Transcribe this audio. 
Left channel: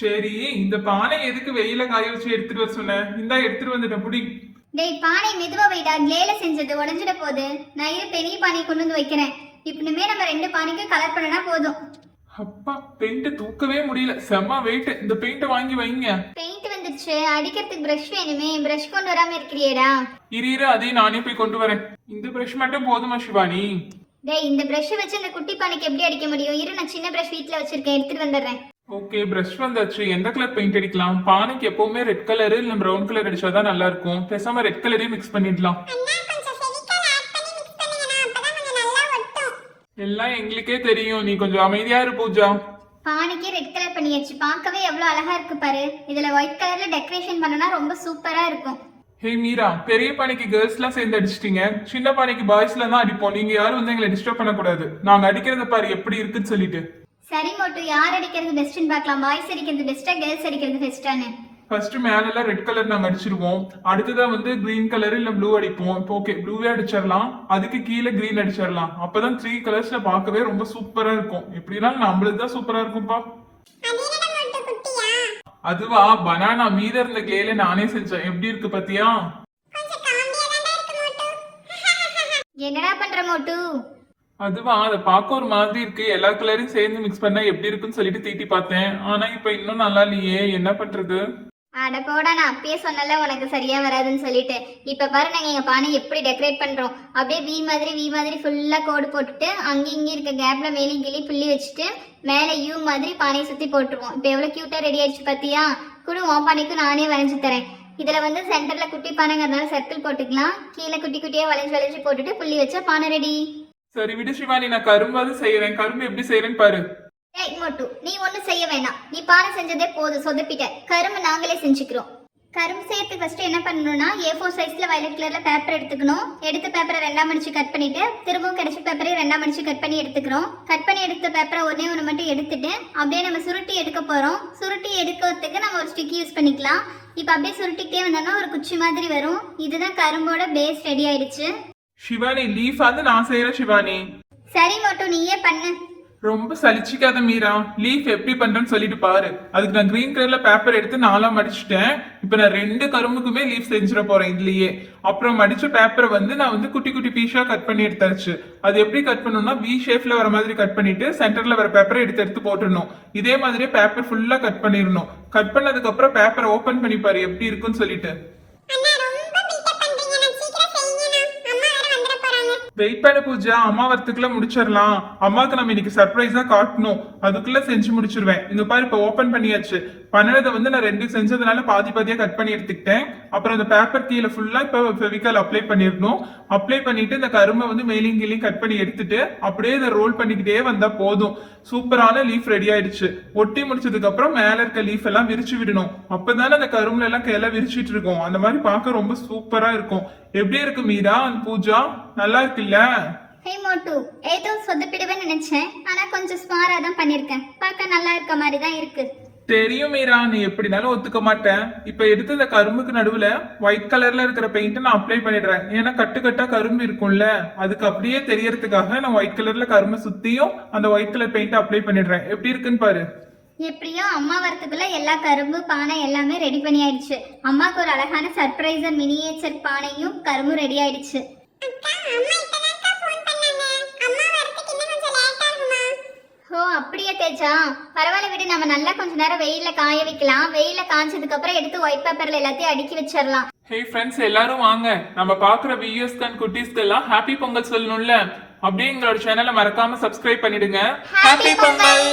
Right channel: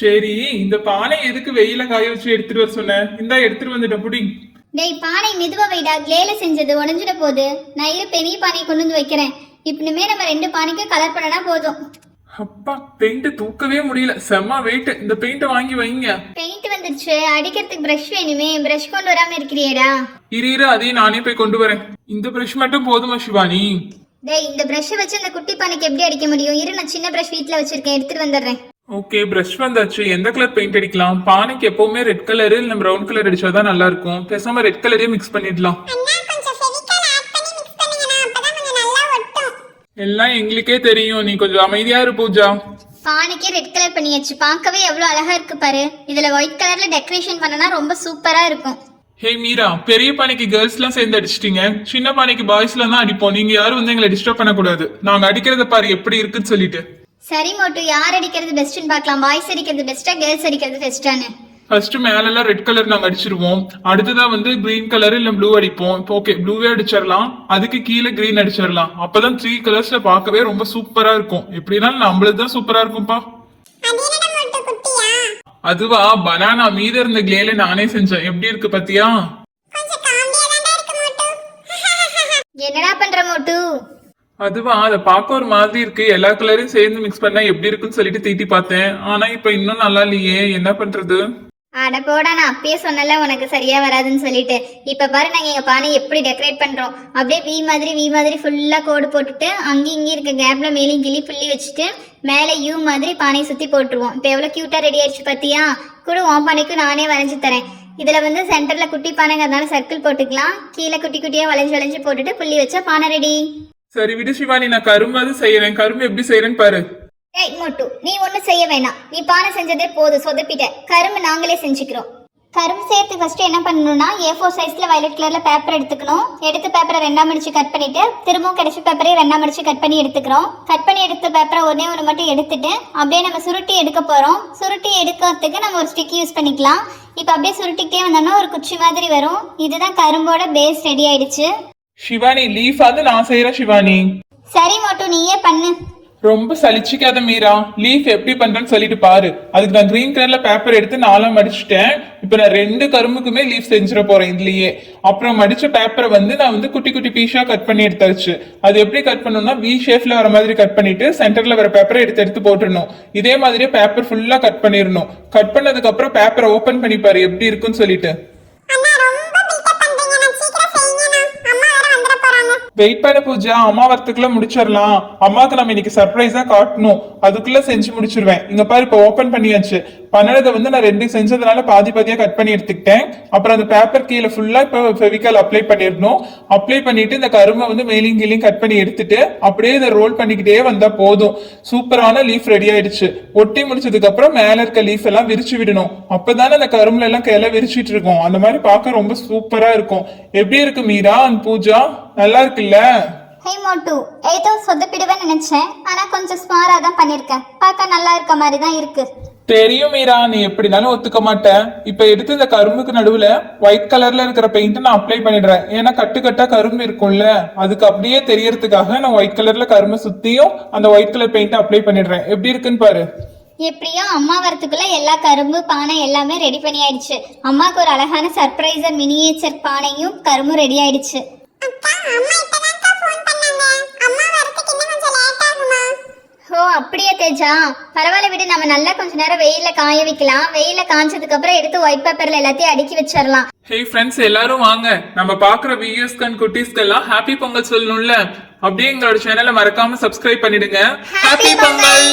சரி, இந்த பானை எதுக்கு வெயில காய வச்சு எடுத்துட்டு வர சொன்ன? இந்தா எடுத்துட்டு வந்துட்ட புடி. டேய் பானை மெதுவா வைடா, கிளேல செஞ்சது உடஞ்சிட போகுது. நான் இரு பெரிய பானையை கொண்டு வந்து வைக்கிறேன். இப்படிமே நம்ம 2 பானைக்கு கலர் பண்ணனா போதும். அப்பா, பெயிண்ட் தூக்கவே முடியல, செம்ம வெயிட். இந்த பெயிண்ட் வாங்கி வைங்க. பெயிண்ட் வந்துருச்சு, அடிக்கிறதுக்கு பிரஷ் வேணுமே. பிரஷ் கொண்டு வராம இருக்கிறியேடா. இரு அதையும் நானே போய் கொண்டு வரேன். இந்த பிரஷ் மட்டும் போதுமா சிவானி? டேய் இந்த பிரஷ் வச்சு அந்த குட்டி பானைக்கு எப்படி அடிக்க முடியும்? இரு நான் சின்ன பிரஷ் வீட்ல வச்சிருக்கேன், எடுத்துட்டு வந்துடுறேன். ஓகே, பிரஷ் வந்தாச்சு. எந்த கலர் பெயிண்ட் அடிக்கலாம்? பானைக்கு எப்பவுமே ரெட் கலர் இல்ல ப்ரௌன் கலர் அடிச்சாதான் நல்லா இருக்கும். பேசாம ரெட் கலரே மிக்ஸ் பண்ணிடலாம். எல்லாம் எங்களுக்கே தெரியும், நீ கொஞ்சம் அமைதியா இரு பூஜா. பானைக்கு ரெட் கலர் பண்ணியாச்சு, பார்க்கவே எவ்வளவு அழகா இருக்கு பாரு. இதுல ஒயிட் கலர்ல டெக்கரேஷன் பண்ணனா ரொம்ப சூப்பரா இருக்கும். ஹே மீரா, பெரிய பானைக்கு கேர்ள்ஸ் எல்லாம் சேர்ந்து அடிச்சிட்டீங்க, சின்ன பானைக்கு பாய்ஸ்ல தான் அடிப்போம். நீங்க யாரும் வந்து எங்களை டிஸ்டர்ப் பண்ண கூடாது. நாங்க அடிக்கிறத பாரு எப்படி இருக்குன்னு சொல்லிட்டு. சரி மோட்டு, யார் அடிக்கிறது பெஸ்ட்னு பார்க்கலாம். பாய்ஸ் அடிக்கிறது பெஸ்டா, கேர்ள்ஸ் அடிக்கிறது பெஸ்டானு? ஃபர்ஸ்ட் மேல எல்லாம் ரெட் கலர் நாங்க அடிச்சிருவோம். அடுத்ததா வந்து கிரீன் கலர் இல்ல ப்ளூ அடிப்போம். ஓகே, ப்ளூவே அடிச்சிடலாம். அதுக்கு கீழே கிரீன் அடிச்சிடலாம். அப்பதான் 3 கலர்ஸ்ல பார்க்கவே ரொம்ப சூப்பரா இருக்கும். எப்படினாலும் நம்மளுக்கு தான் சூப்பரா இருக்கும்பா. அதுவா, பனானா மீத இருந்த கிளேல நானே செஞ்சேன். எப்படி இருக்கு பாத்தியா? என்னடா பண்ற மோட்டு? அதுவா, அதை பார்க்க ஒரு மாதிரி இருக்கு. எல்லா கலரையும் சேர்ந்து மிக்ஸ் பண்ணா எப்படி இருக்குன்னு சொல்லிட்டு தீட்டி பார்த்தேன். ஆனா இப்ப இன்னும் நல்லா இல்லையே, என்ன பண்றது? அட போடா, நான் அப்பயே சொன்னல உனக்கு சரியா வராதுன்னு சொல்லிட்டு. இப்ப பாரு நாங்க எங்க பானை எப்படி டெக்கரேட் பண்றோம். அப்படியே வி மாதிரி ஃபுல்லா கோடு போட்டுட்டு அங்கி இங்கி இருக்க கேப்ல மேலேயும் கிளி புள்ளி வச்சுட்டு மேல யூ மாதிரி பானையை சுத்தி போட்டுருவோம். இப்ப எவ்வளவு கியூட்டா ரெடி ஆயிடுச்சு பாத்தியா? கூட உன் பானைக்கு நானே வரைஞ்சு தரேன். இதுல வந்து சென்டர்ல குட்டி பானைங்கிறதுனால சர்க்கிள் போட்டுக்கலாம். கீழே குட்டி குட்டியா வளைஞ்சு போட்டுட்டு புள்ளி வச்சா பானை ரெடி. சரி விடு சிவானி, நான் கரும்பாவது செய்யறேன். கரும்பு எப்படி செய்யறேன்னு பாரு. ஏய் மோட்டு, நீ ஒன்னும் செய்ய வேணாம். நீ பானை செஞ்சதே போதும், சொதப்பிட்ட. கரும்பு நாங்களே செஞ்சுக்கிறோம். கரும்பு சேர்த்து ஃபர்ஸ்ட் என்ன பண்ணணும்னா, A4 சைஸ்ல வயலட் கலர்ல பேப்பர் எடுத்துக்கணும். எடுத்த பேப்பரை 2ஆ மடிச்சு கட் பண்ணிட்டு திரும்பவும் கடைசி பேப்பரை 2ஆ மடிச்சு கட் பண்ணி எடுத்துக்கிறோம். கட் பண்ணி எடுத்த பேப்பரை ஒன்று மட்டும் எடுத்துட்டு அப்படியே நம்ம சுருட்டி எடுக்க போறோம். சுருட்டி எடுக்கிறதுக்கு நம்ம ஒரு ஸ்டிக் யூஸ் பண்ணிக்கலாம். இப்போ அப்படியே சுருட்டிக்கிட்டே வந்தோம்னா ஒரு குச்சி மாதிரி வரும். இதுதான் கரும்போட பேஸ் ரெடி ஆயிடுச்சு. சிவானி, லீஃப் வந்து நான் செய்யறேன் சிவானி. சரி மோட்டு, நீயே பண்ணு. ரொம்ப சலிச்சிக்காத மீரா, லீஃப் எப்படி பண்றேன்னு சொல்லிட்டு பாரு. அதுக்கு நான் கிரீன் கலர்ல பேப்பர் எடுத்து 4ஆ மடிச்சுட்டேன். இப்ப நான் 2 கரும்புக்குமே லீஃப் செஞ்சிட போறேன் இதுலயே. அப்புறம் மடிச்ச பேப்பரை வந்து நான் வந்து குட்டி குட்டி பீஸா கட் பண்ணி எடுத்தாச்சு. அது எப்படி கட் பண்ணணும்னா, V ஷேப்ல வர மாதிரி கட் பண்ணிட்டு சென்டர்ல வர பேப்பரை எடுத்து போட்டுடணும். இதே மாதிரியே பேப்பர் ஃபுல்லா கட் பண்ணிடணும். கட் பண்ணதுக்கு அப்புறம் பேப்பரை ஓபன் பண்ணி பாரு எப்படி இருக்குன்னு சொல்லிட்டு. வெயிட் பண்ண பூஜா, அம்மா வரத்துக்குள்ள முடிச்சிடலாம். அம்மாவுக்கு நம்ம இன்னைக்கு சர்ப்ரைஸா காட்டணும். அதுக்குள்ள செஞ்சு முடிச்சிருவேன். இங்க பாரு, இப்ப ஓபன் பண்ணியாச்சு. பண்ணதை வந்து நான் 2 செஞ்சதுனால பாதியா கட் பண்ணி எடுத்துக்கிட்டேன். அப்புறம் அந்த பேப்பர் கீழே ஃபுல்லா இப்ப ஃபெவிகால் அப்ளை பண்ணிடணும். அப்ளை பண்ணிட்டு இந்த கரும்பை வந்து மேலையும் கீழையும் கட் பண்ணி எடுத்துட்டு அப்படியே இதை ரோல் பண்ணிக்கிட்டே வந்தா போதும். சூப்பரான லீஃப் ரெடி ஆயிடுச்சு. ஒட்டி முடிச்சதுக்கு அப்புறம் மேல இருக்க லீஃப் எல்லாம் விரிச்சு விடணும். அப்பதானே அந்த கரும்புல எல்லாம் கிளை விரிச்சிட்டு இருக்கும். அந்த மாதிரி பார்க்க ரொம்ப சூப்பரா இருக்கும். எப்படி இருக்கு மீரா அண்ட் பூஜா? நல்லா இருக்குல்ல? ஹே மோட்டு, ஏதோ சொதப்பிடுவேன்னு நினைச்சேன். ஆனா கொஞ்சம் ஸ்மாரா தான் பண்ணிருக்கேன். பார்க்க நல்லா இருக்க மாதிரி தான் இருக்கு. தெரியும் மீரா, நீ எப்படினாலும் ஒத்துக்க மாட்டேன். இப்ப எடுத்து இந்த கரும்புக்கு நடுவுல ஒயிட் கலர்ல இருக்கிற பெயிண்ட் நான் அப்ளை பண்ணிடுறேன். ஏன்னா கட்டா கரும்பு இருக்கும்ல, அதுக்கு அப்படியே தெரியறதுக்காக நான் ஒயிட் கலர்ல கரும்பு சுத்தியும் அந்த ஒயிட் கலர் பெயிண்ட் அப்ளை பண்ணிடுறேன். எப்படி இருக்குன்னு பாரு. எப்படியோ அம்மா வரத்துக்குள்ள எல்லா கரும்பு பானை எல்லாமே ரெடி பண்ணி ஆயிடுச்சு. அம்மாக்கு ஒரு அழகான சர்ப்ரைஸர் மினியேச்சர் பானையும் கரும்பும் ரெடி ஆயிடுச்சு. ஓ அப்படியே தேஜா, பரவாயில்ல விடு. நம்ம நல்லா கொஞ்ச நேரம் வெயில காய வைக்கலாம். வெயில காஞ்சதுக்கு அப்புறம் எடுத்து ஒயிட் பேப்பர்ல எல்லாத்தையும் அடுக்கி வச்சிடலாம். ஹே ஃப்ரெண்ட்ஸ், எல்லாரும் வாங்க. நம்ம பாக்குற வியூஸ்க்கு அண்ட் குட்டீஸ்க்கெல்லாம் ஹாப்பி பொங்கல் சொல்லணும்ல. அப்படியே எங்களோட சேனலை மறக்காம சப்ஸ்கிரைப் பண்ணிடுங்க. ஹாப்பி பொங்கல்.